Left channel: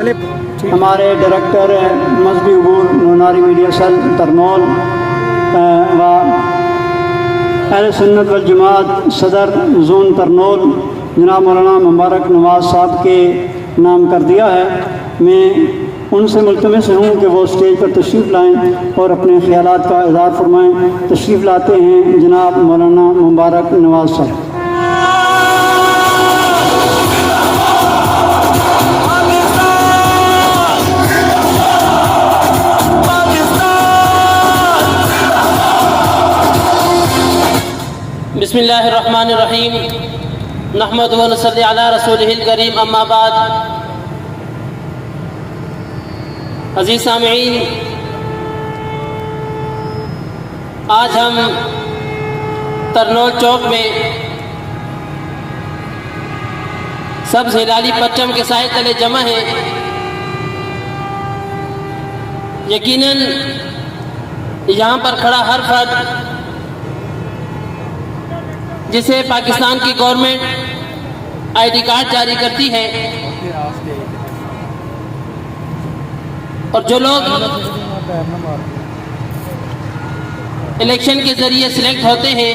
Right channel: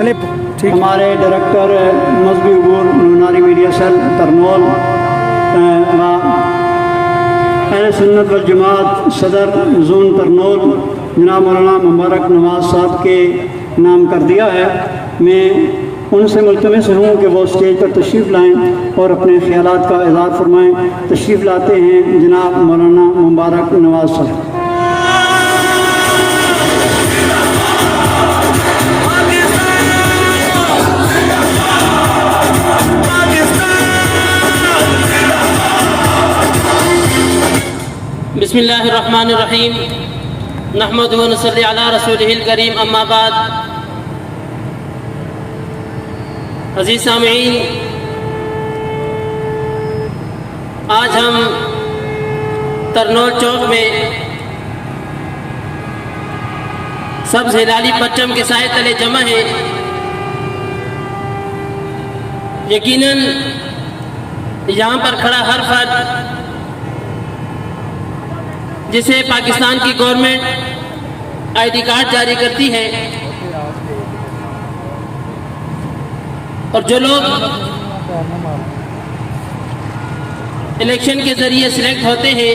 ہمارے ڈائریکٹر مذہبی امور نوناری میڈیا سیل ترنول و اہل سنت والجماعت صدر زون ترنول جناب مولانا مبارک نواز صاحب کے نام کر دیا ہے. میں ان سے ملتمس ہوں کہ وہ اسٹیج پر تشریف لائیں اور اپنے خیالات کا اظہار فرمائیں. تشریف لاتے ہیں جناب مولانا مبارک نواز صاحب. بسم اللہ الرحمن الرحیم نحمدہ و نصلی علی رسولہ الکریم اما بعد. عزیز سامعین، آج ہم ترنول چوک میں سبز ہلالی پرچم کے سائے تلے جمع ہیں. یقیناً یہاں پر کھڑا ہر فرد جسے پاکستان کی گورنمنٹ آئی ڈی کارڈ جاری کرتی ہے، اور جو لوگ الیکشن کے ذریعے سلیکٹ ہوتے ہیں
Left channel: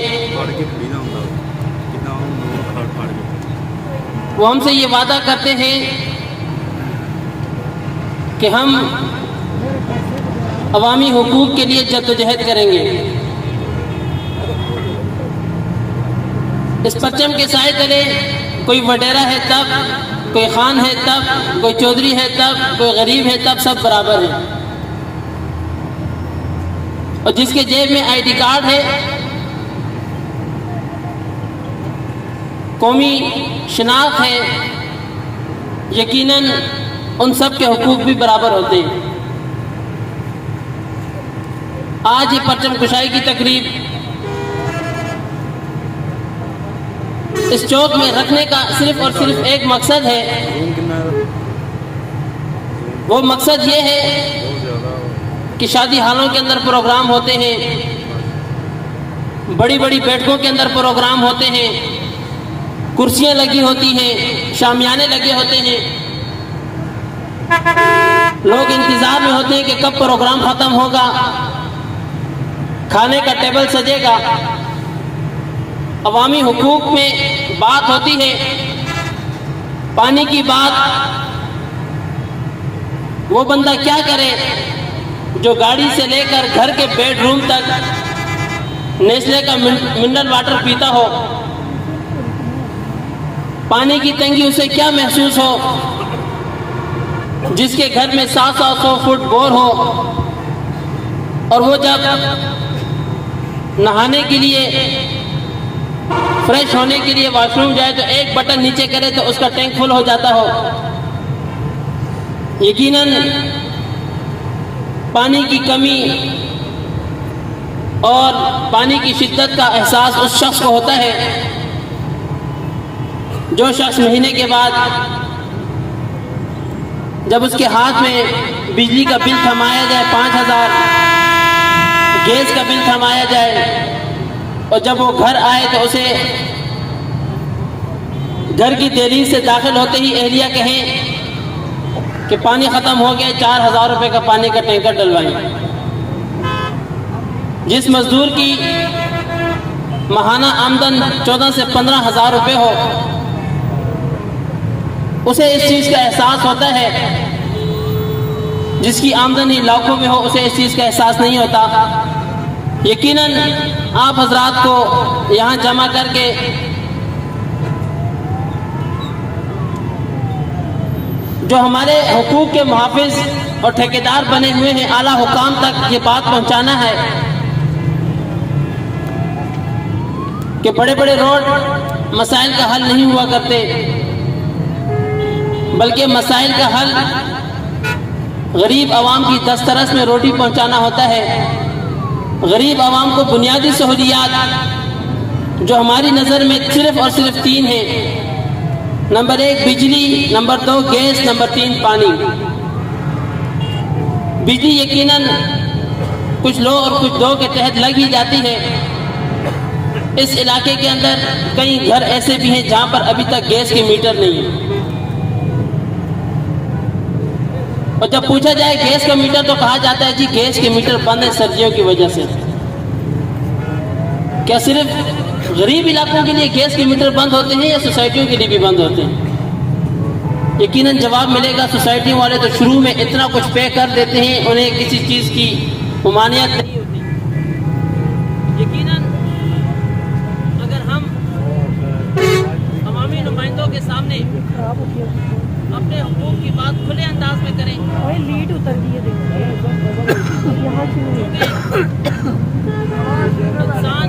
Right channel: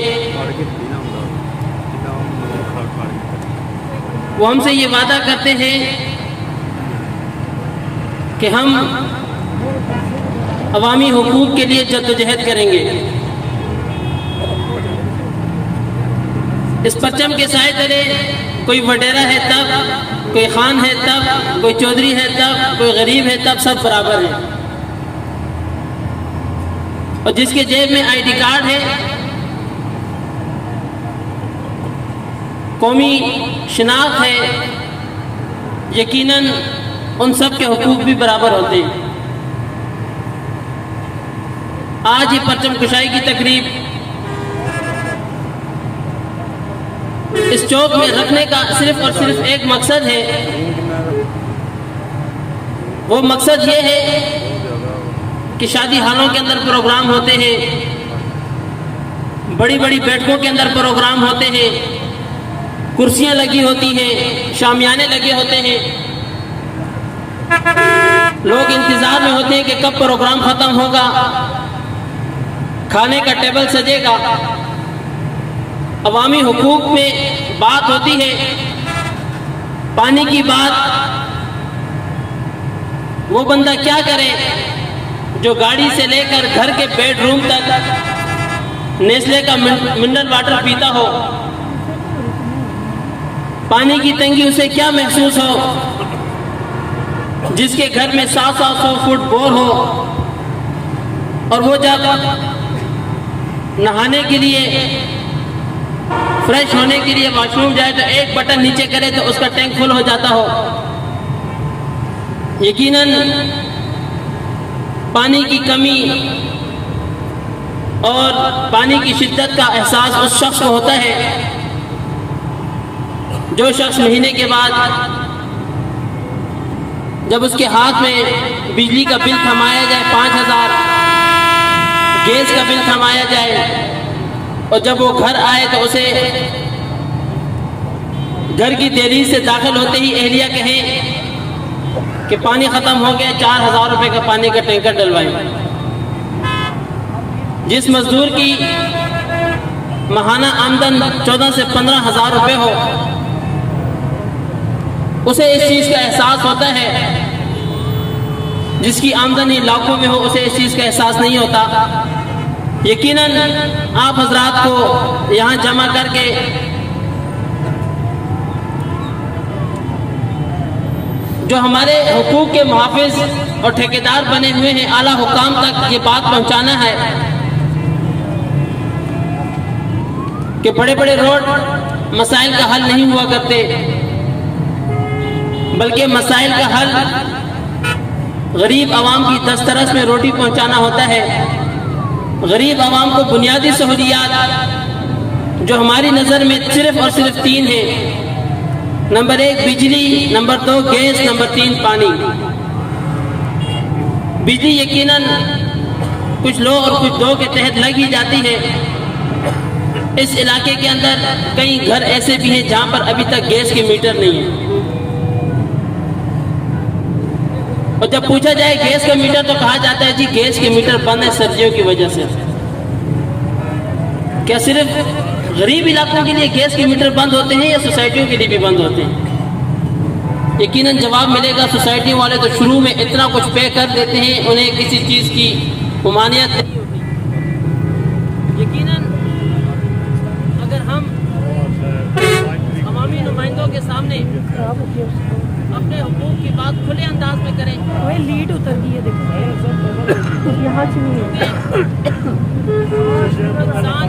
وہ ہم سے یہ وعدہ کرتے ہیں کہ ہم عوامی حقوق کے لیے جدوجہد کریں گے. اس پرچم کے سائے تلے کوئی وڈیرا ہے تب، کوئی خان ہے تب، کوئی چودھری ہے تب، کوئی غریب ہے تب، سب برابر ہیں. اور جس کے جیب میں آئی ڈی کارڈ ہے، قومی شناخت ہے، یقیناً ان سب کے حقوق بھی برابر ہوتے ہیں. آج یہ پرچم کشائی کی تقریب اس چوک میں رکھنے کا صرف اور صرف ایک مقصد ہے. وہ مقصد یہ ہے کہ شادی ہالوں کے اندر پروگرام ہوتے ہیں، بڑی بڑی بیٹھکوں کے اندر پروگرام ہوتے ہیں، کرسیاں لگی ہوتی ہیں، شامیانے لگے ہوتے ہیں، لوگ انتظار میں ہوتے ہیں کہ کب پروگرام ختم ہوگا، کھانے کا ٹیبل سجے گا. عوامی حقوق میں بات ہوتی ہے، پانی کی بات. وہ بندہ کیا کرے جو گاڑی سے لے کر گھر کے بیڈ روم تک نیسلے کا منرل واٹر پیتا ہو؟ پانی کی تنگی اسے کیا محسوس ہو جس کے گھر میں 700 فٹ بور ہو، اور وہ جب نہانے کے لیے، فریش ہونے کے لیے واش روم جائے تو ایک بٹن نیچے کرے تو اس کا ٹینک فل ہو جاتا ہو؟ یقیناً پانی کی کمی اور پانی کی شدت کا احساس اس شخص کو ہوتا ہے جو شخص مہینے کے بعد جب اس کے ہاتھ میں بجلی کا بل تھمایا جائے 5000، گیس کا بل تھمایا جائے، اور جب وہ گھر آئے تو اسے گھر کی دہلیز سے داخل ہوتے ہی اہلیہ کہیں کہ پانی ختم ہو گیا، 4000 روپے کا پانی کا ٹینکر ڈلوائیں. جس مزدور کی ماہانہ آمدن 14 سے 15,000 روپے ہو، اسے اس چیز کا احساس ہوتا ہے. جس کی آمدنی لاکھوں میں ہو اسے اس چیز کا احساس نہیں ہوتا. یقیناً آپ حضرات کو یہاں جمع کر کے جو ہمارے حقوق کے محافظ اور ٹھیکیدار بنے ہوئے ہیں، اعلیٰ حکام تک یہ بات پہنچانا ہے کہ بڑے بڑے روڈ مسائل کا حل نہیں ہوا کرتے، بلکہ مسائل کا حل غریب عوام کی دسترس میں روٹی پہنچانا ہوتا ہے. غریب عوام کو بنیادی سہولیات جو ہماری نظر میں صرف اور صرف 3 ہیں. نمبر 1 بجلی، نمبر 2 گیس، نمبر 3 پانی. بجلی یقیناً کچھ لو اور کچھ دو کے تحت لگ ہی جاتی ہے. اس علاقے کے اندر کئی گھر ایسے بھی ہیں جہاں پر ابھی تک گیس کے میٹر نہیں ہیں. اور جب پوچھا جائے گیس کا میٹر تو کہا جاتا ہے جی گیس کے میٹر بند ہے سردیوں کی وجہ سے۔ کیا صرف غریب علاقوں کے لیے گیس کے میٹر بند ہوتے ہیں یا سوسائٹیوں کے لیے بھی بند ہوتے ہیں؟ یقیناً جواب ملے گا سوسائٹیوں والے تو شروع میں اتنا کچھ پے کر دیتے ہیں، انہیں کسی چیز کی ممانعت نہیں ہوتی۔ یقیناً اگر ہم عوامی نمائندوں کے سامنے اپنے حقوق کی بات کھلے انداز میں کریں، لیڈ اتر گئی ہے یہاں سے انسان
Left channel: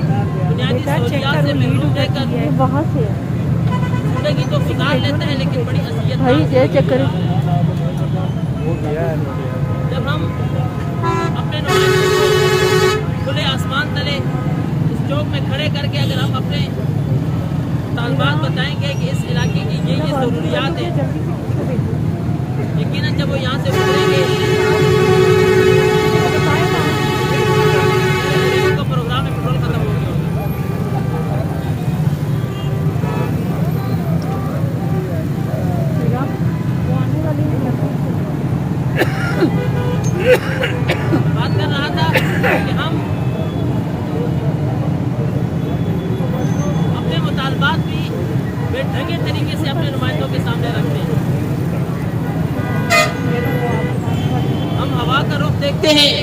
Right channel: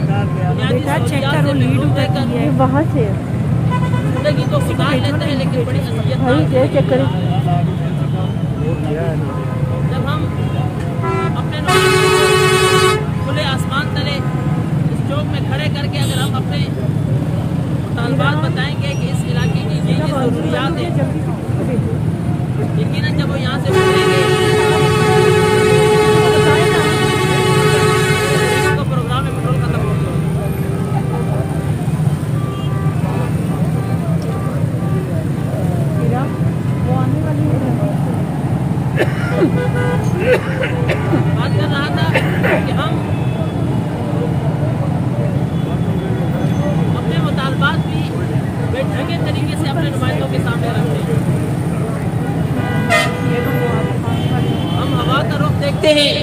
بنیادی سہولیات سے محروم رہ کر وہاں سے زندگی تو گزار لیتا ہے لیکن بڑی اذیت بھائی یہ چکر جب ہم اپنے نمائندوں کو کھلے آسمان تلے اس چوک میں کھڑے کر کے اگر ہم اپنے مطالبات بتائیں گے کہ اس علاقے کی یہ ضروریات ہیں، یقیناً جب وہ یہاں سے گزریں گے کا پروگرام میں پیٹرول ختم ہو گیا ہوگا۔ بات کر رہا تھا کہ ہم اپنے مطالبات بھی بے ڈھنگے طریقے سے اپنے نمائندوں کے سامنے رکھتے ہیں۔ ہم ہوا کا رخ دیکھتے ہیں،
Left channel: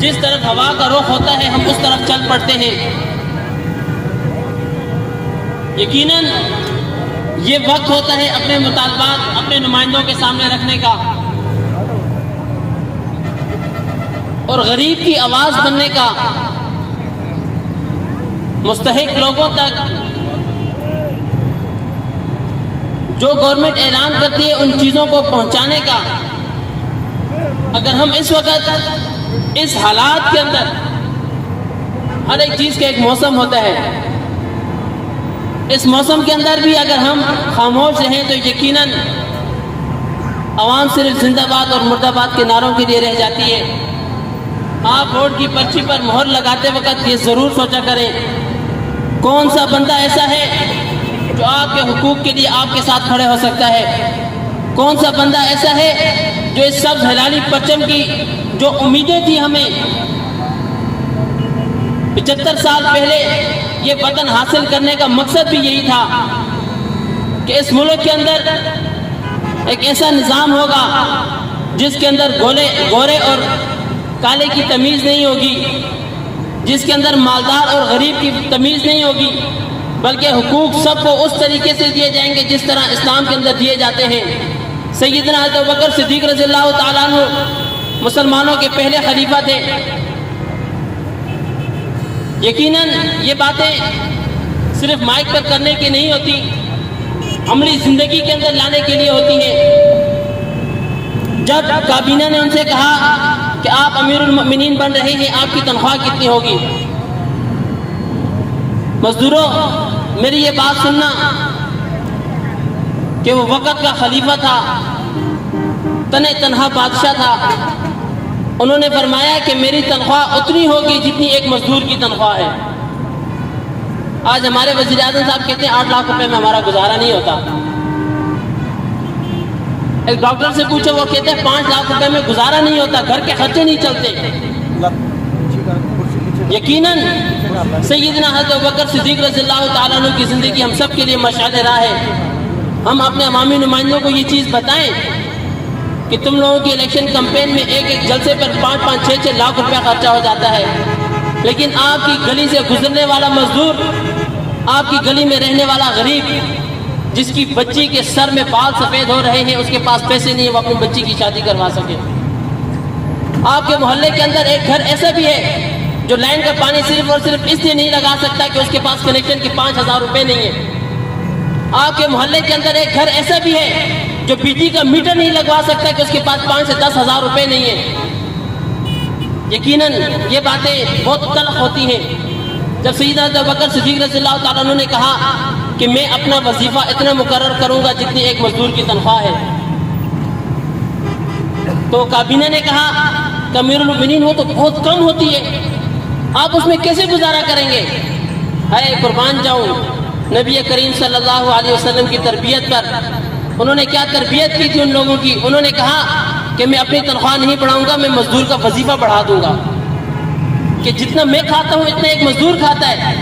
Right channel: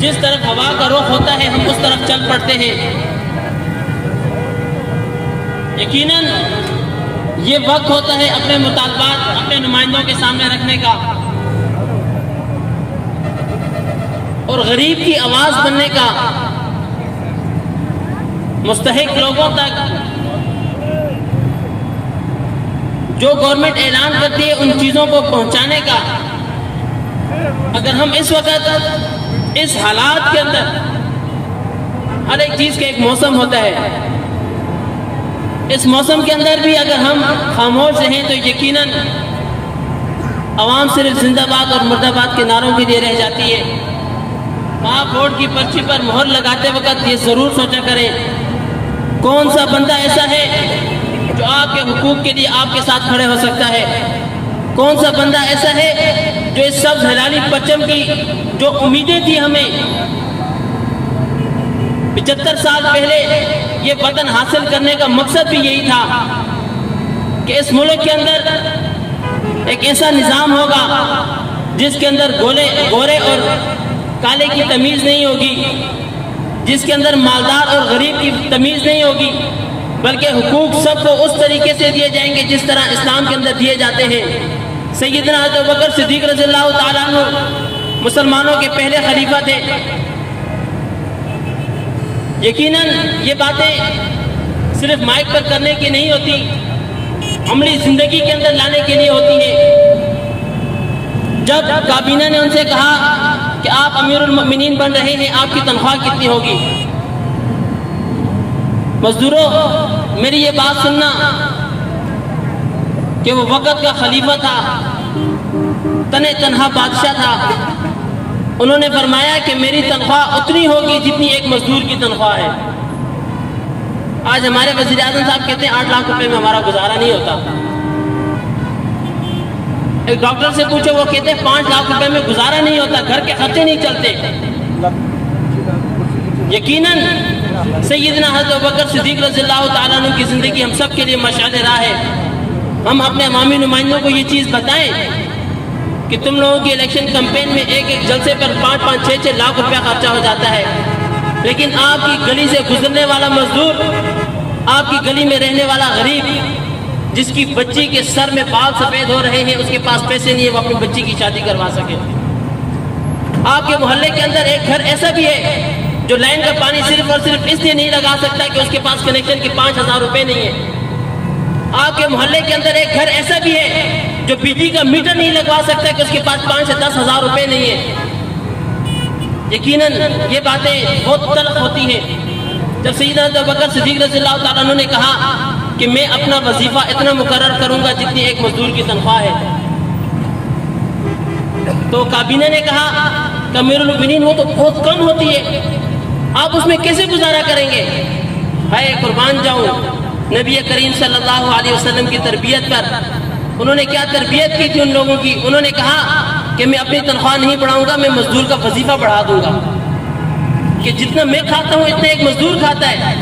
جس طرف ہوا کا رخ ہوتا ہے ہم اس طرف چل پڑتے ہیں۔ یقیناً یہ وقت ہوتا ہے اپنے مطالبات اپنے نمائندوں کے سامنے رکھنے کا اور غریب کی آواز بننے کا، مستحق لوگوں تک جو گورنمنٹ اعلان کرتی ہے ان چیزوں کو پہنچانے کا۔ اگر ہم اس وقت اس حالات کے اندر، ہر ایک چیز کا ایک موسم ہوتا ہے، اس موسم کے اندر بھی اگر ہم خاموش رہیں تو یقیناً عوام صرف زندہ باد اور مردہ باد کے نعروں کے لیے رہ جاتی ہے۔ آپ ووٹ کی پرچی پر مہر لگاتے وقت یہ ضرور سوچا کریں کون سا بندہ ایسا ہے جو آپ کے حقوق کے لیے آپ کے ساتھ کھڑے ہو سکتا ہے، کون سا بندہ ایسا ہے جو اس سبز ہلالی پرچم کی جو امیدیں تھی ہمیں 75 سال پہلے یہ وطن حاصل کرنے کا مقصد بھی یہی تھا کہ اس ملک کے اندر ایک ایسا نظام ہوگا جس کے اندر گورے اور کالے کی تمیز نہیں ہوگی، جس کے اندر مالدار اور غریب کی تمیز نہیں ہوگی، بلکہ حقوق سب کو اس طریقے سے دیے جائیں گے جس طرح اسلام کے اندر دیے جاتے ہیں۔ سیدنا حضرت ابوبکر صدیق رضی اللہ تعالیٰ عنہ مسلمانوں کے پہلے خلیفہ تھے۔ یقیناً یہ باتیں صرف مائک پر کرنے کی نہیں ہوتی، عملی زندگی کے اندر لانے کے لیے ہوتی ہیں۔ جب کابینہ نے ان سے کہا کہ آپ امیر المؤمنین بن رہے ہیں، آپ کی تنخواہ کتنی ہوگی؟ مزدوروں میری یہ بات سننا کہ وہ وقت کا خلیفہ تھا، تنہا بادشاہ تھا، انہوں نے فرمایا کہ میری تنخواہ اتنی ہوگی جتنی ایک مزدور کی تنخواہ ہے۔ آج ہمارے وزیر اعظم صاحب کہتے ہیں 8 لاکھ روپے میں ہمارا گزارا نہیں ہوتا۔ ایک ڈاکٹر سے پوچھو، وہ کہتے ہیں 5 لاکھ روپے میں گزارا نہیں ہوتا، گھر کے خرچے نہیں چلتے۔ یقیناً سیدنا حضرت ابوبکر صدیق رضی اللہ تعالیٰ عنہ کی زندگی ہم سب کے لیے مشعل راہ ہے۔ ہم اپنے عوامی نمائندوں کو یہ چیز بتائیں کہ تم لوگوں کی الیکشن کمپین میں ایک جلسے پر 5-5, 6-6 لاکھ روپے خرچہ ہو جاتا ہے، لیکن آپ کی گلی سے گزرنے والا مزدور، آپ کی گلی میں رہنے والا غریب جس کی بچی کے سر میں بال سفید ہو رہے ہیں، اس کے پاس پیسے نہیں ہے وہ اپنی بچی کی شادی کروا سکے۔ آپ کے محلے کے اندر ایک گھر ایسا بھی ہے جو لائن کا پانی صرف اور صرف اس لیے نہیں لگا سکتا کہ اس کے پاس کنیکشن کے 5,000 روپے نہیں ہے۔ آپ کے محلے کے اندر ایک گھر ایسا بھی ہے جو بجلی کا میٹر نہیں لگوا سکتا کہ اس کے پاس 5 سے 10 ہزار روپے نہیں ہے۔ یقیناً یہ باتیں بہت تلخ ہوتی ہیں۔ جب سیدنا ابوبکر صدیق رضی اللہ تعالیٰ عنہ نے کہا کہ میں اپنا وظیفہ اتنا مقرر کروں گا جتنی ایک مزدور کی تنخواہ ہے، تو کابینہ نے کہا کہ امیر المؤمنین وہ تو بہت کم ہوتی ہے، آپ اس میں کیسے گزارا کریں گے؟ ہے قربان جاؤں، نبی کریم صلی اللہ علیہ وسلم کی تربیت پر انہوں نے کیا تربیت کی تھی ان لوگوں کی. انہوں نے کہا کہ میں اپنی تنخواہ نہیں بڑھاؤں گا, میں مزدور کا وظیفہ بڑھا دوں گا, کہ جتنا میں کھاتا ہوں اتنا ایک مزدور کھاتا ہے.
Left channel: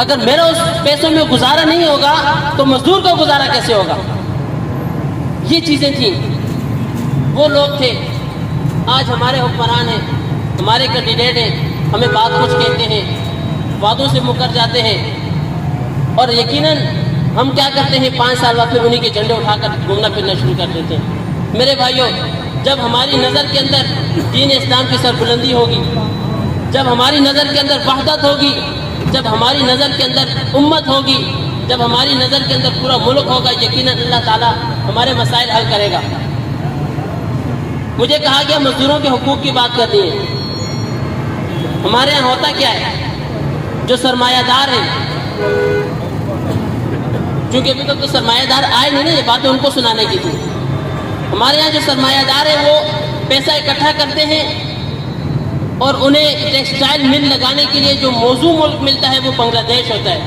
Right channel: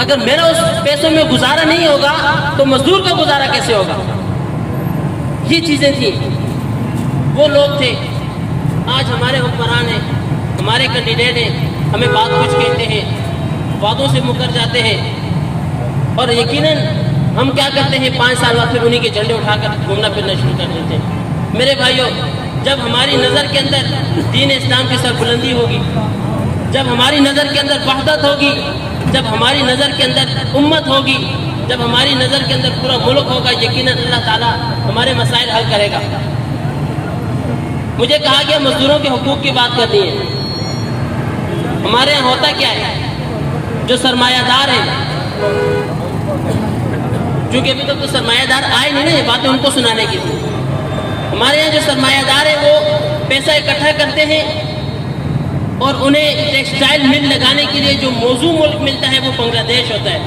اگر میرا اس پیسوں میں گزارا نہیں ہوگا تو مزدور کا گزارا کیسے ہوگا. یہ چیزیں تھیں, وہ لوگ تھے. آج ہمارے حکمران ہیں, ہمارے کینڈیڈیٹ ہیں, ہمیں بات کچھ کہتے ہیں, وعدوں سے مکر جاتے ہیں, اور یقیناً ہم کیا کرتے ہیں 5 سال بعد پھر انہی کے جھنڈے اٹھا کر گھومنا پھرنا شروع کر دیتے ہیں. میرے بھائیوں, جب ہماری نظر کے اندر دین اسلام کی سربلندی ہوگی, جب ہماری نظر کے اندر وحدت ہوگی, جب ہماری نظر کے اندر امت ہوگی, جب ہماری نظر کے اندر پورا ملک ہوگا, یقیناً اللہ تعالیٰ ہمارے مسائل حل کرے گا. مجھے کہا گیا مزدوروں کے حقوق کی بات کرنی ہے. ہمارے یہاں ہوتا کیا ہے, جو سرمایہ دار ہیں, چونکہ ابھی تک تو سرمایہ دار آئے نہیں نا, یہ باتیں ان کو سنانے کی تھی. ہمارے یہاں جو سرمایہ دار ہیں وہ پیسہ اکٹھا کرتے ہیں, اور انہیں ٹیکسٹائل مل لگانے کے لیے جو موزوں ملک ملتا ہے وہ بنگلہ دیش ہوتا ہے.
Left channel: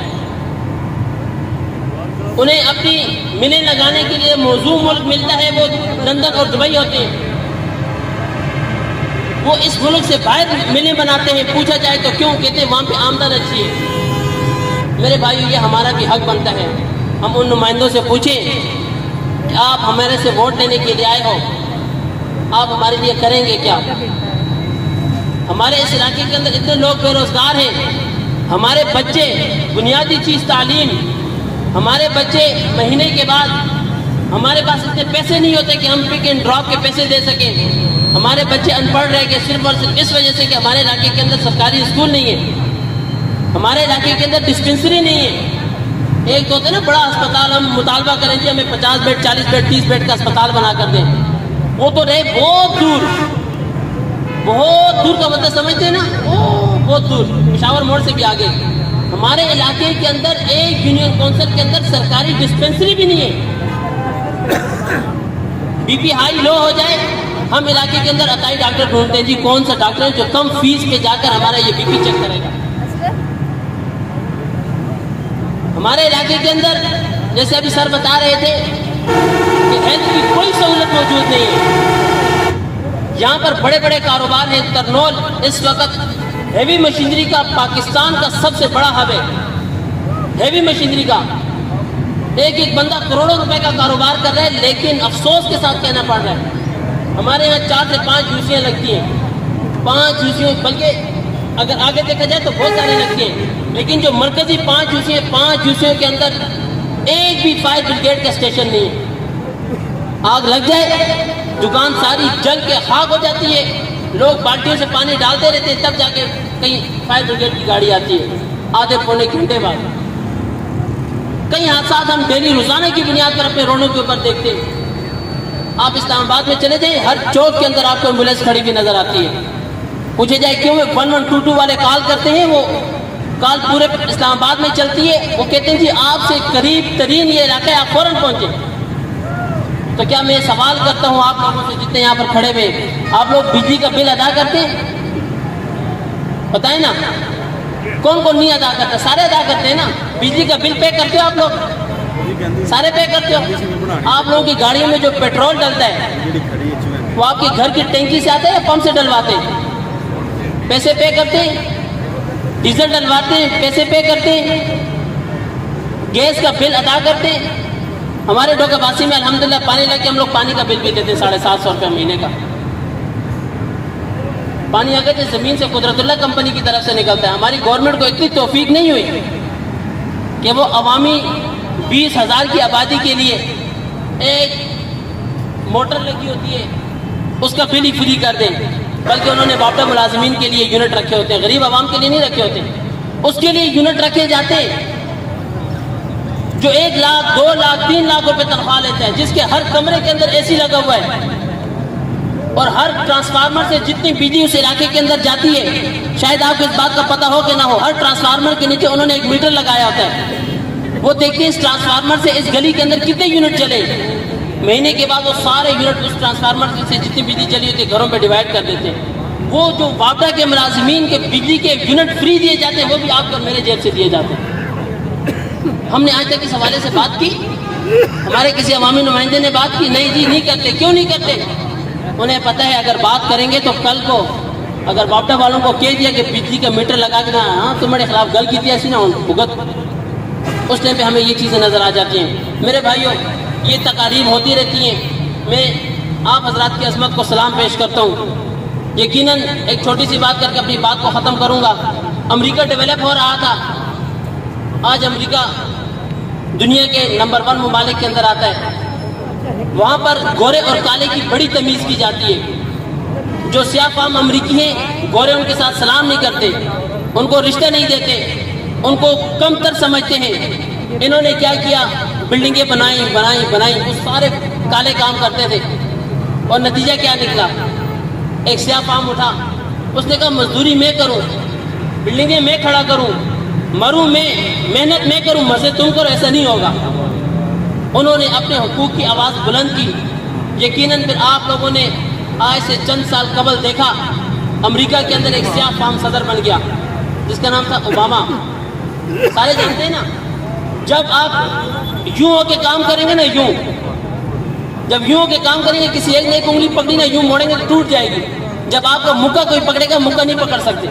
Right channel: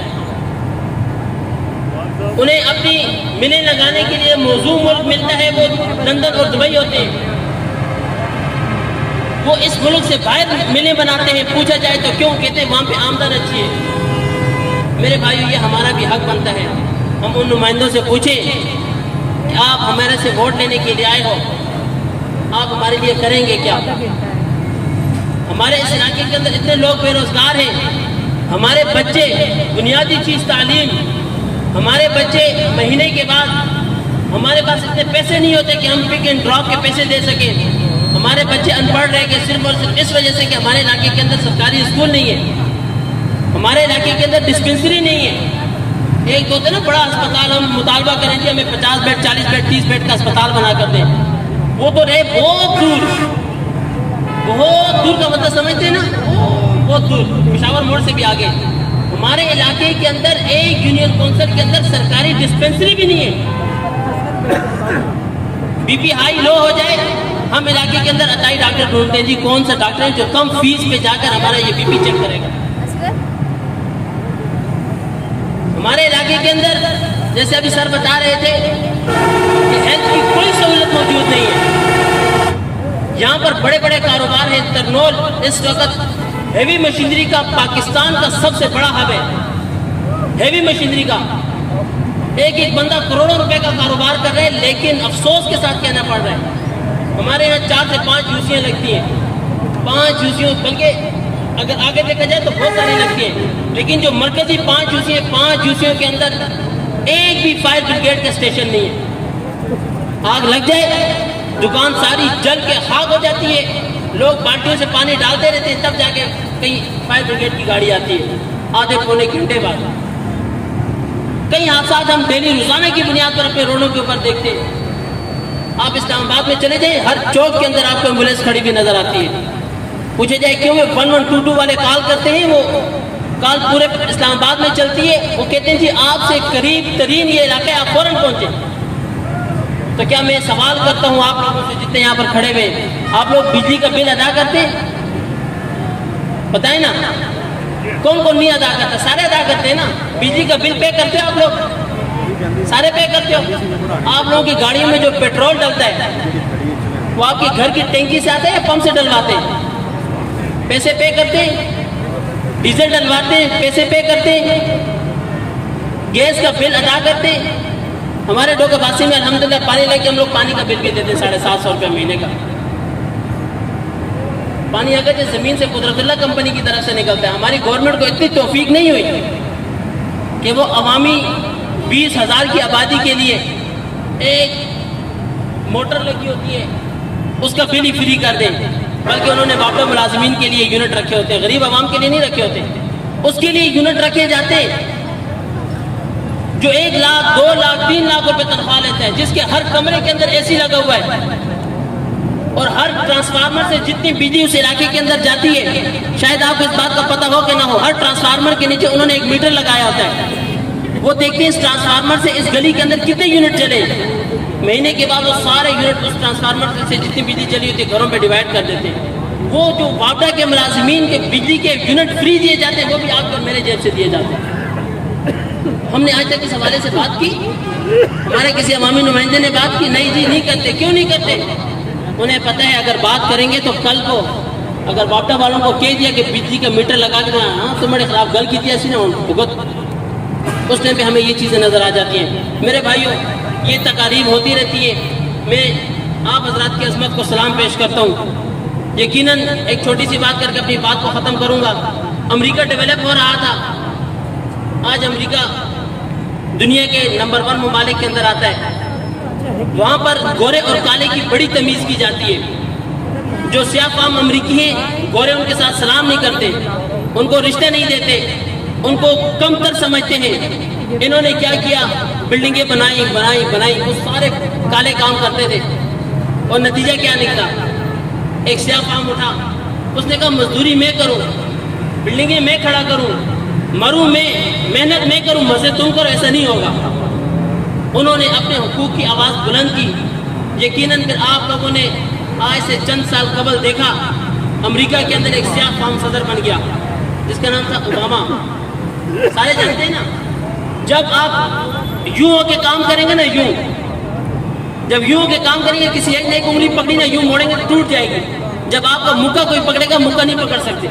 انہیں اپنی ملیں لگانے کے لیے موزوں ملک ملتا ہے وہ لندن اور دبئی ہوتے ہیں. وہ اس ملک سے باہر ملیں بناتے ہیں. پوچھا جائے تو کیوں, کہتے ہیں وہاں پہ آمدن اچھی ہے. میرے بھائیو, یہ ہمارا بھی حق بنتا ہے. ہم ان نمائندوں سے پوچھیں کہ آپ ہمارے سے ووٹ لینے کے لیے آئے ہو, آپ ہمارے لیے کریں گے کیا. ہمارے اس علاقے کے اندر اتنے لوگ بے روزگار ہیں. ہمارے بچے بنیادی چیز تعلیم, ہمارے بچے مہینے کے بعد, ہمارے پاس اتنے پیسے نہیں ہوتے کہ ہم پک اینڈ ڈراپ کے پیسے دے سکیں. ہمارے بچے ان پڑھ رہ گئے صرف اور صرف اس وجہ سے کہ ہمارے علاقے کے اندر سرکاری اسکول نہیں ہے, ہمارے علاقے کے اندر ڈسپنسری نہیں ہے. ایک تو ہوتا ہے نا بڑا اسپتال, ہم مطالبہ کریں گے ہمیں 50 بیڈ 40 بیڈ 30 بیڈ کا اسپتال بنا کر دیں. وہ تو رہے بہت دور, بہت دور کا مطلب سمجھتے ہیں نا, بہت دور, پشاور موڑ سے بھی آگے. ہمارے علاقے کے اندر ایک یونین کونسل کے اندر سرکاری ڈسپنسری بھی نہیں ہے. بی پی ہائی لو ہو جائے, ہم علاقے کے اندر عطائی ڈاکٹر ڈھونڈتے ہیں. جی کون سا ڈاکٹر ہے جو کم فیس پہ جا کر ہمارا یہ بی پی چیک کرے گا. ہمارے علاقے کے اندر جیسے ابھی سر بتا رہے تھے کہ ہیلتھ کی کوئی سہولت موجود نہیں ہے. یہاں پر بڑے بڑے کاروبار ہیں. ترنول اس وقت ہیوی مشینری کا پاکستان کا سب سے بڑا ہب ہے. ہیوی مشینری کا ایک بندہ کروڑوں روپے کا کاروبار کر رہا ہے, لیکن افسوس کے ساتھ کہنا پڑ رہا ہے ہمارے یہاں 4 سے 5 جوسیاں لگتی ہیں. 5 جوسیوں, بلکہ اگر آگے دیکھا جائے تو بہت ساری لگتی ہیں, لیکن جو مرکزی 5 جوسیوں کے اندر ایک بھی فائر بریگیڈ کا اسٹیشن نہیں ہے. آگ لگ جائے دکان ساری جل کے خاک ہو جاتی ہے. لوگ بالٹیوں سے پانی ڈالتے رہتے ہیں, تب جا کے کہیں فائر بریگیڈ کی گاڑی آتی ہے آدھے پونے گھنٹے بعد. کئی حادثات ہم ڈیلی روزانہ کی بنیاد پر اپنے روڈوں کے اوپر دیکھتے ہیں. آپ اسلام آباد میں چلے جائیں, ہر چوک کے اندر آپ کو ایمبولینس کھڑی ہوئی نظر آتی ہے. پوچھے جائے کیوں, 1122 والے کال کرتے ہیں, وہ کال پورے اسلام آباد میں چلتی ہے. وہ کہتے ہیں جی آپ سے قریب ترین یہ علاقہ ہے, آپ فوراً پہنچیں. تو کیا میں سوال کرتا ہوں آپ لوگوں سے جتنے یہاں پر کھڑے ہوئے, آپ لوگ بجلی کا بل ادا کرتے ہیں؟ بتائیں نا, کون کون نہیں ادا کرتا؟ سارے ادا کرتے ہیں نا. بجلی کا بل پے کرتے ہو آپ لوگ؟ سارے پے کرتے ہو. آپ لوگوں کی گاڑیوں میں جو پیٹرول ڈلتا ہے وہ آپ کے گھر کی ٹینکی سے آتا ہے یا پمپ سے ڈلواتے ہیں؟ پیسے پے کرتے ہیں. ڈیزل ڈلواتے ہیں, پیسے پے کرتے ہیں. گیس کا بل ادا کرتے ہیں. ہمارے ڈوکا باسی میں الحمدللہ پانی لگ کے ہم لوگ پانی کا بل بھی دیتے ہیں 750 روپے مہینے کا. پانی اگر جو زمین سے قدرت اللہ کمپنی کی طرف سے نکلتا ہے. ہماری گورنمنٹ کو اتنی توفیق نہیں ہوئی کہ وہ عوامی 20,000 کی آبادی کے لیے ایک موٹر لگی ہوتی ہے اس کا بل ہی فری کر دیں, بلکہ انہوں نے باپٹا ملازمین کے لیے یونٹ رکھے ہوتے ہیں, غریب عوام کے لیے نہیں رکھے ہوتے. اس کے لیے یونٹ رکھے جاتے ہیں جو 1 لاکھ 2 لاکھ 3 لاکھ روپے تنخواہ لیتا ہے, جس کے ہر کمرے کے اندر اے سی لگا ہوا ہے, اور ہر ٹرانسفارمر سے جتنی بجلی اس علاقے کے اندر جاتی ہے, شاید آپ کو اس بات کا پتہ ہو کہ نہ ہو, ہر ٹرانسفارمر کے نیچے انہوں نے ایک میٹر لگایا ہوتا ہے. وہ دیکھتے ہیں اس ٹرانسفارمر سے اس گلی کے اندر کتنے یونٹ چلے. مہینے کے بعد وہ سارے یونٹ اس ٹرانسفارمر سے جتنی بجلی چلی ہوتی ہے گھروں پہ ڈیوائڈ کر دیتے ہیں. وہ جو واپڈا کے ملازمین کے بجلی کے یونٹ فری دیے جاتے ہیں وہ بھی آپ کو میرے جیب سے دیے جاتے ہیں. ہم نے آج تک اس حوالے سے بات کی؟ ہمارے کسی عوامی نمائندے نے بات کی؟ نہیں جی، نہیں کرتے. کیوں نہیں کرتے؟ انہیں پتہ ہے اگر بات کریں گے تو کل کو اگر باپٹا والوں کو کہہ دیا کہ بجلی کا میٹر لگا کے ہاں تمہارے خلاف گل کی تھی ایسی نہ بھگت، اس ٹائم پہ ہمیں یہ چیزیں نظر آ جاتی ہیں. میرے بھائیوں، یہ تقاریب ہوتی رہتی ہیں. میں آپ حضرات کی عظمت کو سلام پیش کرتا ہوں. یقیناً ایک چھوٹی سی بات کر کے اپنی بات کو ختم کروں گا. امریکہ ڈیولپ ہو رہا تھا. آج امریکہ دنیا کے نمبر 1 ممالک کے اندر آتا ہے. وہاں پر گورے اور کالے کی بڑی تمیز کی جاتی ہے. جو سیاہ فام امریکی ہیں، گورے ان کے ساتھ سلام نہیں کرتے، ان کو رشتہ نہیں دیتے، ان کو کم تر سمجھتے ہیں. انہوں نے کیا کیا؟ بلڈنگیں بنائی. وہ سارے کالے کام کرتے تھے اور نتیجہ کیا نکلا؟ ایک سیاہ فام اٹھا، اس نے کہا مزدوری میں کروں، بلڈنگیں میں کھڑا کروں، مروں میں، محنت میں کروں، مزے تم کرو. ایسا نہیں ہوگا. انہوں نے اپنے حقوق کی آواز بلند کی. یقیناً پھر آپ لوگوں نے آج سے چند سال قبل دیکھا امریکہ کے اندر ایک سیاہ فام صدر بن گیا جس کا نام تھا اوباما. سارے جانتے ہیں نا. جب آپ یوں ہو کے کام کریں گے نا، جب یوں ہو کے کام کریں گے، کسی ایک نے ایک انگلی پکڑی نا، یوں موڑیں گے تو ٹوٹ جائے گی. جب آپ کا مکہ کوئی پکڑے گا، مکہ نہیں پکڑ سکتے.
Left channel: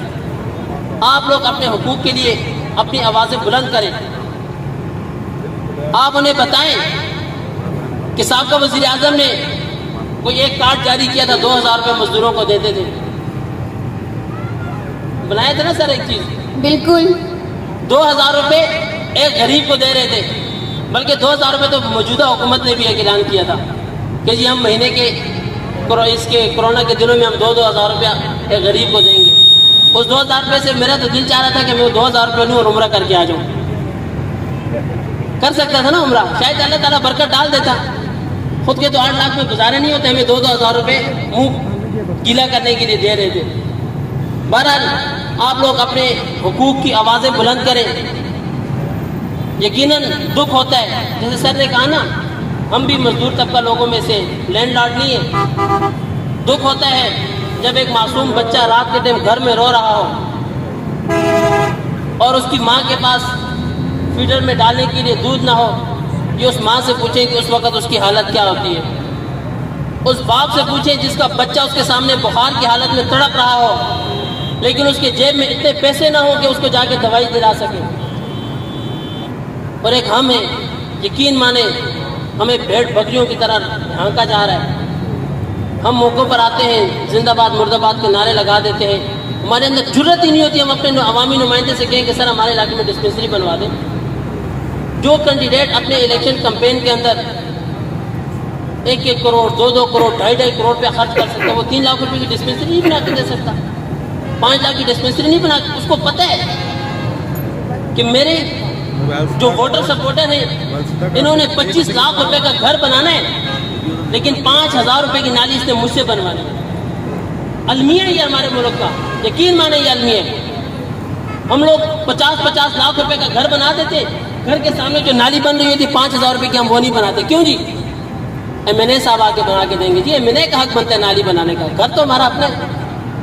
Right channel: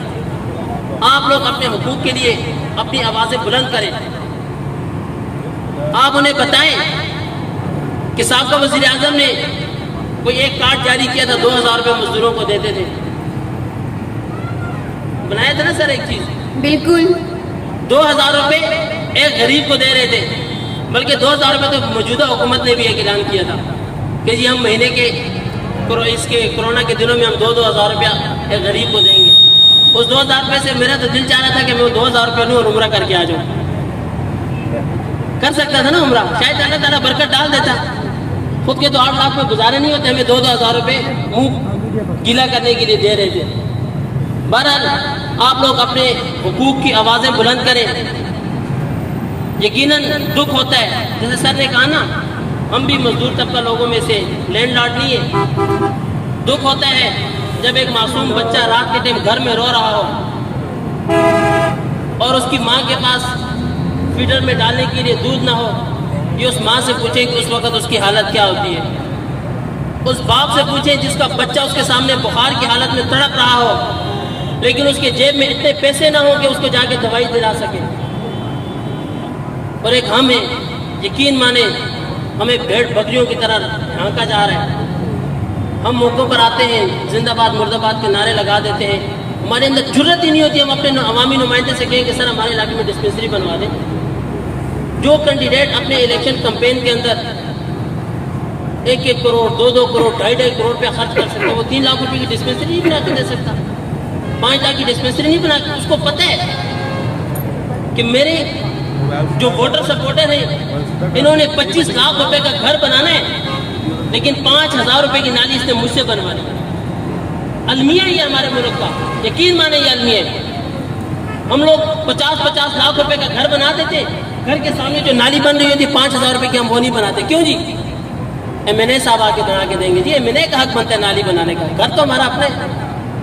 آپ لوگ اپنے حقوق کے لیے اپنی آوازیں بلند کریں. آپ انہیں بتائیں کہ سابقہ وزیر اعظم نے کوئی ایک کارڈ جاری کیا تھا، 2000 روپے مزدوروں کو دیتے تھے. بنایا تھا نا سر ایک چیز؟ بالکل. 2000 روپے ایک غریب کو دے رہے تھے. بلکہ 2000 روپے تو موجودہ حکومت نے بھی ایک اعلان کیا تھا کہ جی ہم مہینے کے اس کے کرونا کے دنوں میں ہم 2,000 روپیہ ایک غریب کو دیں گے. اس 2000 روپے سے میرا تو دل چاہ رہا تھا کہ میں وہ 2000 روپے لوں اور عمرہ کر کے آ جاؤں. کر سکتا تھا نا عمرہ. شاید اللہ تعالیٰ برکت ڈال دیتا. خود کے تو 8 لاکھ میں گزارے نہیں ہوتے، ہمیں 2,000 روپے منہ گیلا کرنے کے لیے دے رہے تھے. بہرحال آپ لوگ اپنے حقوق کی آوازیں بلند کریں. یقیناً دکھ ہوتا ہے، جیسے سر نے کہا نا، ہم بھی مزدور طبقہ لوگوں میں سے لینڈ لارڈ نہیں ہے. دکھ ہوتا ہے جب ایک معصوم بچہ رات کے ٹائم گھر میں رو رہا ہو اور اس کی ماں کے پاس فیڈر میں ڈالنے کے لیے دودھ نہ ہو. یہ اس ماں سے پوچھیں کہ اس وقت اس کی حالت کیا ہوتی ہے. اس باپ سے پوچھیں جس کا بچہ اس کے سامنے بخار کی حالت میں تڑپ رہا ہو لیکن اس کے جیب میں اتنے پیسے نہ ہو کہ اس کو جا کے دوائی دلا سکے. اور ایک ہم ہیں، یقین مانے ہمیں بھیڑ بکریوں کی طرح ہانکا جا رہا ہے. ہم موقعوں پر آتے ہیں، زندہ باد مرد آباد کے نعرے لگا دیتے ہیں. ہمارے اندر جرت ہی نہیں ہوتی ہم اپنے عوامی نمائندے سے کہیں کہ سر ہمارے علاقے میں ڈسپنسری بنوا دیں. جو کینڈیڈیٹ اپنے الیکشن کمپین کے اندر 1-1 کروڑ 2-2 کروڑ 2.5 کروڑ روپیہ خرچ کر سکتا ہے، وہ 3 لاکھ روپے کی ڈسپنسری نہیں بنا کے دے سکتا، 5 لاکھ کی ڈسپنسری نہیں بنا کے. اس کو پتہ ہے کہ میرے جو ووٹر سپورٹر ہیں انہوں نے 25 لاکھ روپے کا گھر بنانا ہے لیکن 5,000 روپے کی نالی اس نے مجھ سے بنوانی ہے. المیہ یہ ہمارے ملک کا، یقین مانے یہ المیہ ہے. ہم لوگ 50 لاکھ روپے کا گھر بنا دیتے، گھر کے سامنے جو نالی بن رہی ہوتی 5,000 روپے کی ہم وہ نہیں بناتے. کیوں جی؟ MNA صاحب آ کے بنا کے دیں گے. جی MNA کا حق بنتا ہے نالی بنانے کا، گھر تو ہمارا اپنا ہے.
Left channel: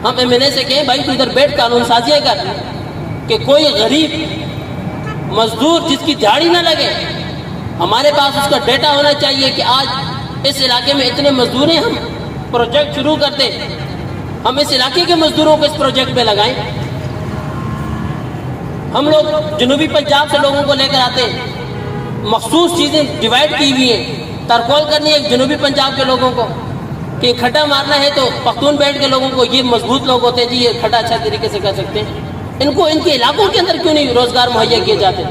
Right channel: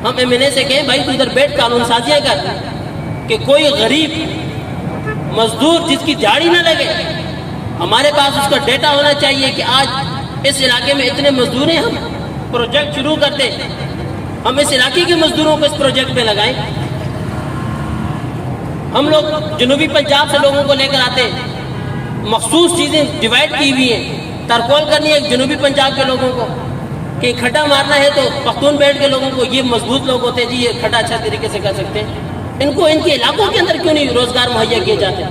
ہم MNA سے کہیں بھائی تو ادھر بیٹھ قانون سازیاں کر کہ کوئی غریب مزدور جس کی جھاڑی نہ لگے، ہمارے پاس اس کا ڈیٹا ہونا چاہیے کہ آج اس علاقے میں اتنے مزدور ہیں، ہم پروجیکٹ شروع کرتے، ہم اس علاقے کے مزدوروں کو اس پروجیکٹ پہ لگائیں. ہم لوگ جنوبی پنجاب سے لوگوں کو لے کر آتے، مخصوص چیزیں ڈیوائڈ کی ہوئی ہیں. ترکول کرنی ہے جنوبی پنجاب کے لوگوں کو کہ کھڈا مارنا ہے تو پختون بیلٹ کے لوگوں کو، یہ مضبوط لوگ ہوتے ہیں جی، یہ کھڈا اچھا طریقے سے کر سکتے ہیں. ان کو ان کے علاقوں کے اندر کیوں نہیں روزگار مہیا کیے جاتے؟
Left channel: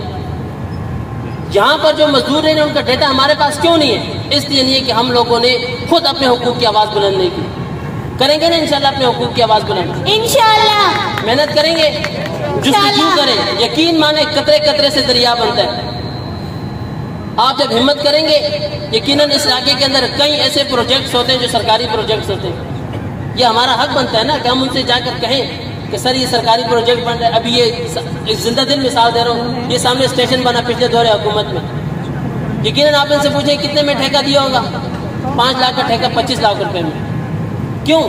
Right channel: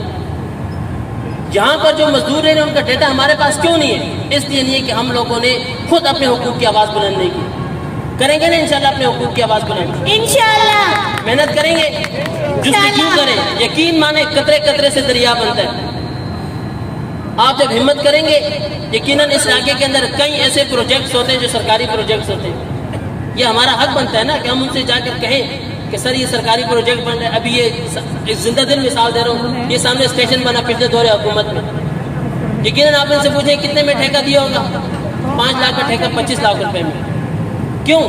یہاں پر جو مزدور ہیں ان کا ڈیٹا ہمارے پاس کیوں نہیں ہے؟ اس لیے نہیں ہے کہ ہم لوگوں نے خود اپنے حقوق کی آواز بلند نہیں کی. کریں گے نا انشاءاللہ اپنے حقوق کی آواز بلند، انشاءاللہ محنت کریں گے، جستجو کریں. یقین مانے قطرے قطرے سے دریا بنتا ہے. آپ جب ہمت کریں گے، یقیناً اس علاقے کے اندر کئی ایسے پروجیکٹس ہوتے ہیں جو سرکاری پروجیکٹس ہوتے ہیں. یہ ہمارا حق بنتا ہے نا کہ ہم ان سے جا کر کہیں کہ سر یہ سرکاری پروجیکٹ بن رہا ہے. ابھی یہ ایک زندہ دل مثال دے رہا ہوں، یہ سامنے اسٹیشن بنا پچھلے دور حکومت میں. یقیناً آپ ان سے پوچھیں کتنے میں ٹھیکہ دیا ہوگا؟ 5 لاکھ کا ٹھیکہ 25 لاکھ روپے میں. کیوں؟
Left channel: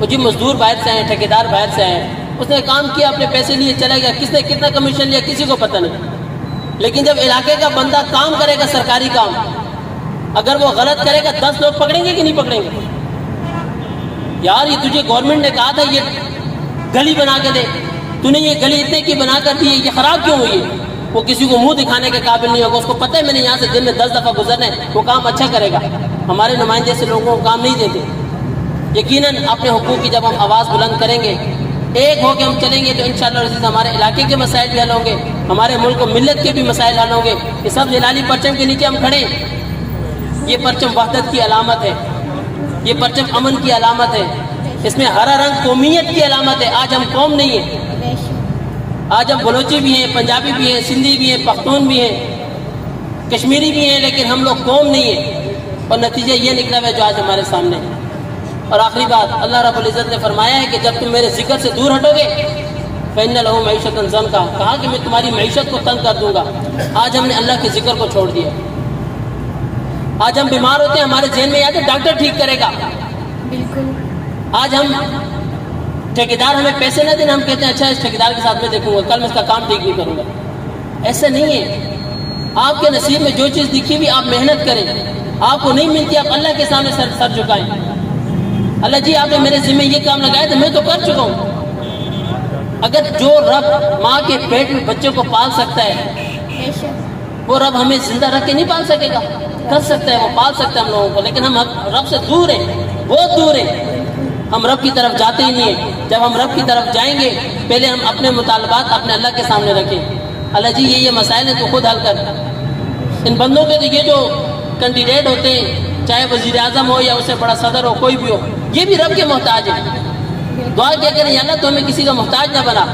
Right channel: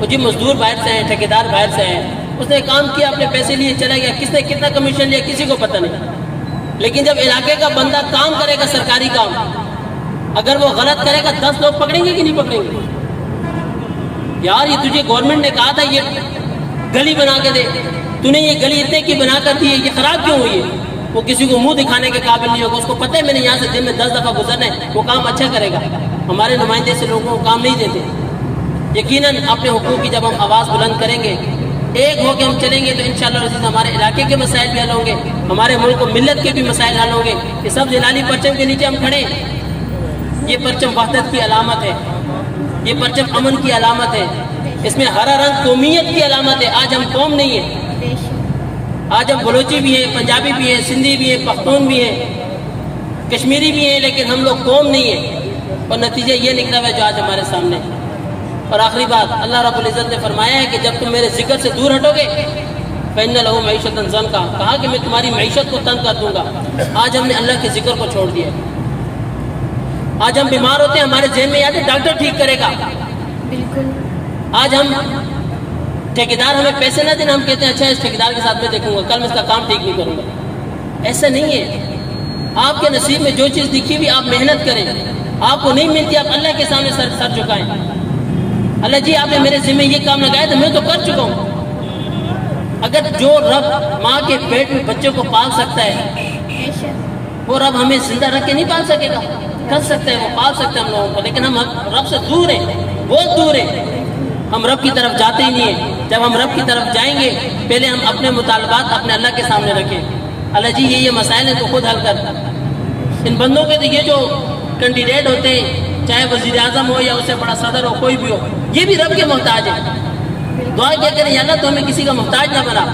وہ جی مزدور باہر سے آئے، ٹھیکیدار باہر سے آئے، اس نے کام کیا، اپنے پیسے لیے چلا گیا. کس نے کتنا کمیشن لیا کسی کو پتہ نہیں. لیکن جب علاقے کا بندہ کام کرے گا سرکاری کام, اگر وہ غلط کرے گا 10 لوگ پکڑیں گے کہ نہیں پکڑیں گے؟ یار یہ تجھے گورنمنٹ نے کہا تھا یہ گلی بنا کے دے, تو نے یہ گلی اتنے کی بنا کر دی ہے, یہ خراب کیوں ہوئی ہے؟ وہ کسی کو منہ دکھانے کے قابل نہیں ہوگا, اس کو پتہ ہے میں نے یہاں سے دن میں 10 دفعہ گزرنا ہے, وہ کام اچھا کرے گا. ہمارے نمائندے سے لوگوں کو کام نہیں دیتے. یقیناً اپنے حقوق کی جب ہم آواز بلند کریں گے, ایک ہو کے ہم چلیں گے, تو انشاءاللہ عزیز ہمارے علاقے کے مسائل بھی حل ہوں گے, ہمارے ملک و ملت کے بھی مسائل حل ہوں گے. یہ سب جلالی پرچم کے نیچے ہم کھڑے, یہ پرچم وحدت کی علامت ہے, یہ پرچم امن کی علامت ہے, اس میں ہرا رنگ قومیت کی علامت ہے. آج ہم قوم نہیں ہیں, آج ہم بلوچی بھی ہیں, پنجابی بھی ہیں, سندھی بھی ہیں, پختون بھی ہیں, کشمیری بھی ہیں, لیکن ہم لوگ قوم نہیں ہیں. اور نتیجہ یہ نکلا ہے جو آج ہمارے سامنے. اور آخری بات, اللہ رب العزت نے فرمایا ہے کہ جب تم میرے ذکر سے دور ہٹو گے فَإِنَّ لَهُ مَعِيشَةً ضَنْكَ, کہا کہ میں تمہاری معیشت کو تنگ کر دوں گا. آج ہم نے اللہ کے ذکر کو چھوڑ دیا. آج ہم بیمار ہوتے ہیں, ہمارے ذہن میں یاد ہے ڈاکٹر ٹھیک کرے گا. بالکل. آج ہم ٹھیکیدار ہمیں پیسے نہ دیں, ہم کہتے ہیں اچھا اس ٹھیکیدار کے ساتھ میں دیکھوں گا, کل میں اس کا کام ٹھیک نہیں کروں گا. ایسا نہیں ہے. آپ کے نصیب میں جو چیز لکھی ہوئی آپ محنت کریں, آپ کو نہیں ملتی آپ اللہ کے سامنے سر جھکائیں. اللہ جی آپ نے میرے ذمہ یہ کام لگایا تو میں تو کر چکا ہوں. اگر جو رب ماں کے پیٹ میں بچوں کو پال سکتا ہے, وہ رب ہمیں زندہ رکھ کے نہیں پال سکے گا؟ کر سکتا ہے, وہ پال سکتا ہے ہم لوگوں کو, لیکن ہم رب سے دور ہیں, بہت دور ہیں. ہم رب کی طرف جاتے ہی نہیں ہیں. جب ہم رب کی طرف جائیں گے پہلے ہم اپنے مطالبات اپنے اللہ کے سامنے رکھیں. اللہ جی یہ مسائل ہیں تو خود حل کر. ان بندوں کے تو یہ جو کینڈیڈیٹ ہوتے ہیں, چاہے وزیر اعظم ہو یا اس سے بڑا صدر ہو, کوئی بھی ہو, یہ بھی رب کے محتاج ہیں. دعا کیا کریں یا اللہ تو ہمیں کسی کا محتاج نہ بنا.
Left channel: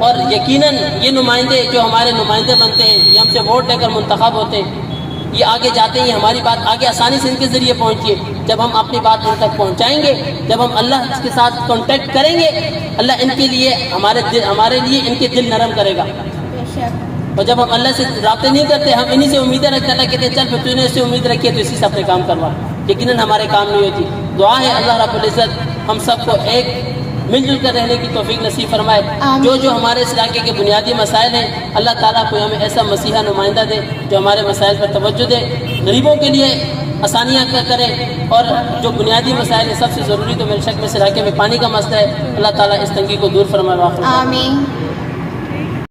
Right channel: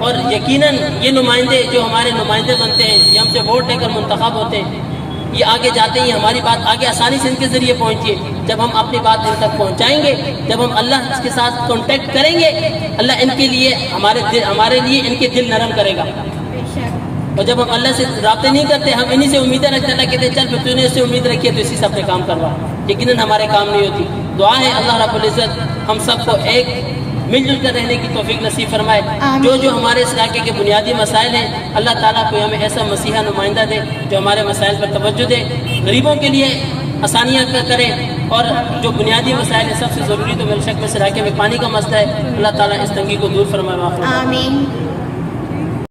اور یقیناً یہ نمائندے جو ہمارے نمائندے بنتے ہیں, یہ ہم سے ووٹ لے کر منتخب ہوتے ہیں, یہ آگے جاتے ہیں, ہماری بات آگے آسانی سے ان کے ذریعے پہنچی ہے. جب ہم اپنی بات ان تک پہنچائیں گے, جب ہم اللہ کے ساتھ کانٹیکٹ کریں گے, اللہ ان کے لیے ہمارے لیے ان کے دل نرم کرے گا. اور جب ہم اللہ سے رابطے نہیں کرتے, ہم انہی سے امیدیں رکھتے, اللہ کہتے ہیں چل پھر تو نے اس سے امید رکھی ہے تو اسی سے اپنے کام کروا. یقیناً ہمارے کام نہیں ہوتی. دعا ہے اللہ رب العزت ہم سب کو ایک مل جل کر رہنے کی توفیق نصیب فرمائے. جو ہمارے اس علاقے کے بنیادی مسائل ہیں, اللہ تعالیٰ کو ہمیں ایسا مسیحا نمائندہ دے جو ہمارے مسائل پر توجہ دے, غریبوں کے لیے آسانیاں کرے. اور جو بنیادی مسائل ہیں سب سے ضروری تو میرے شک میں اس علاقے میں پانی کا مسئلہ ہے, اللہ تعالیٰ اس تنگی کو دور فرمائے. آمین.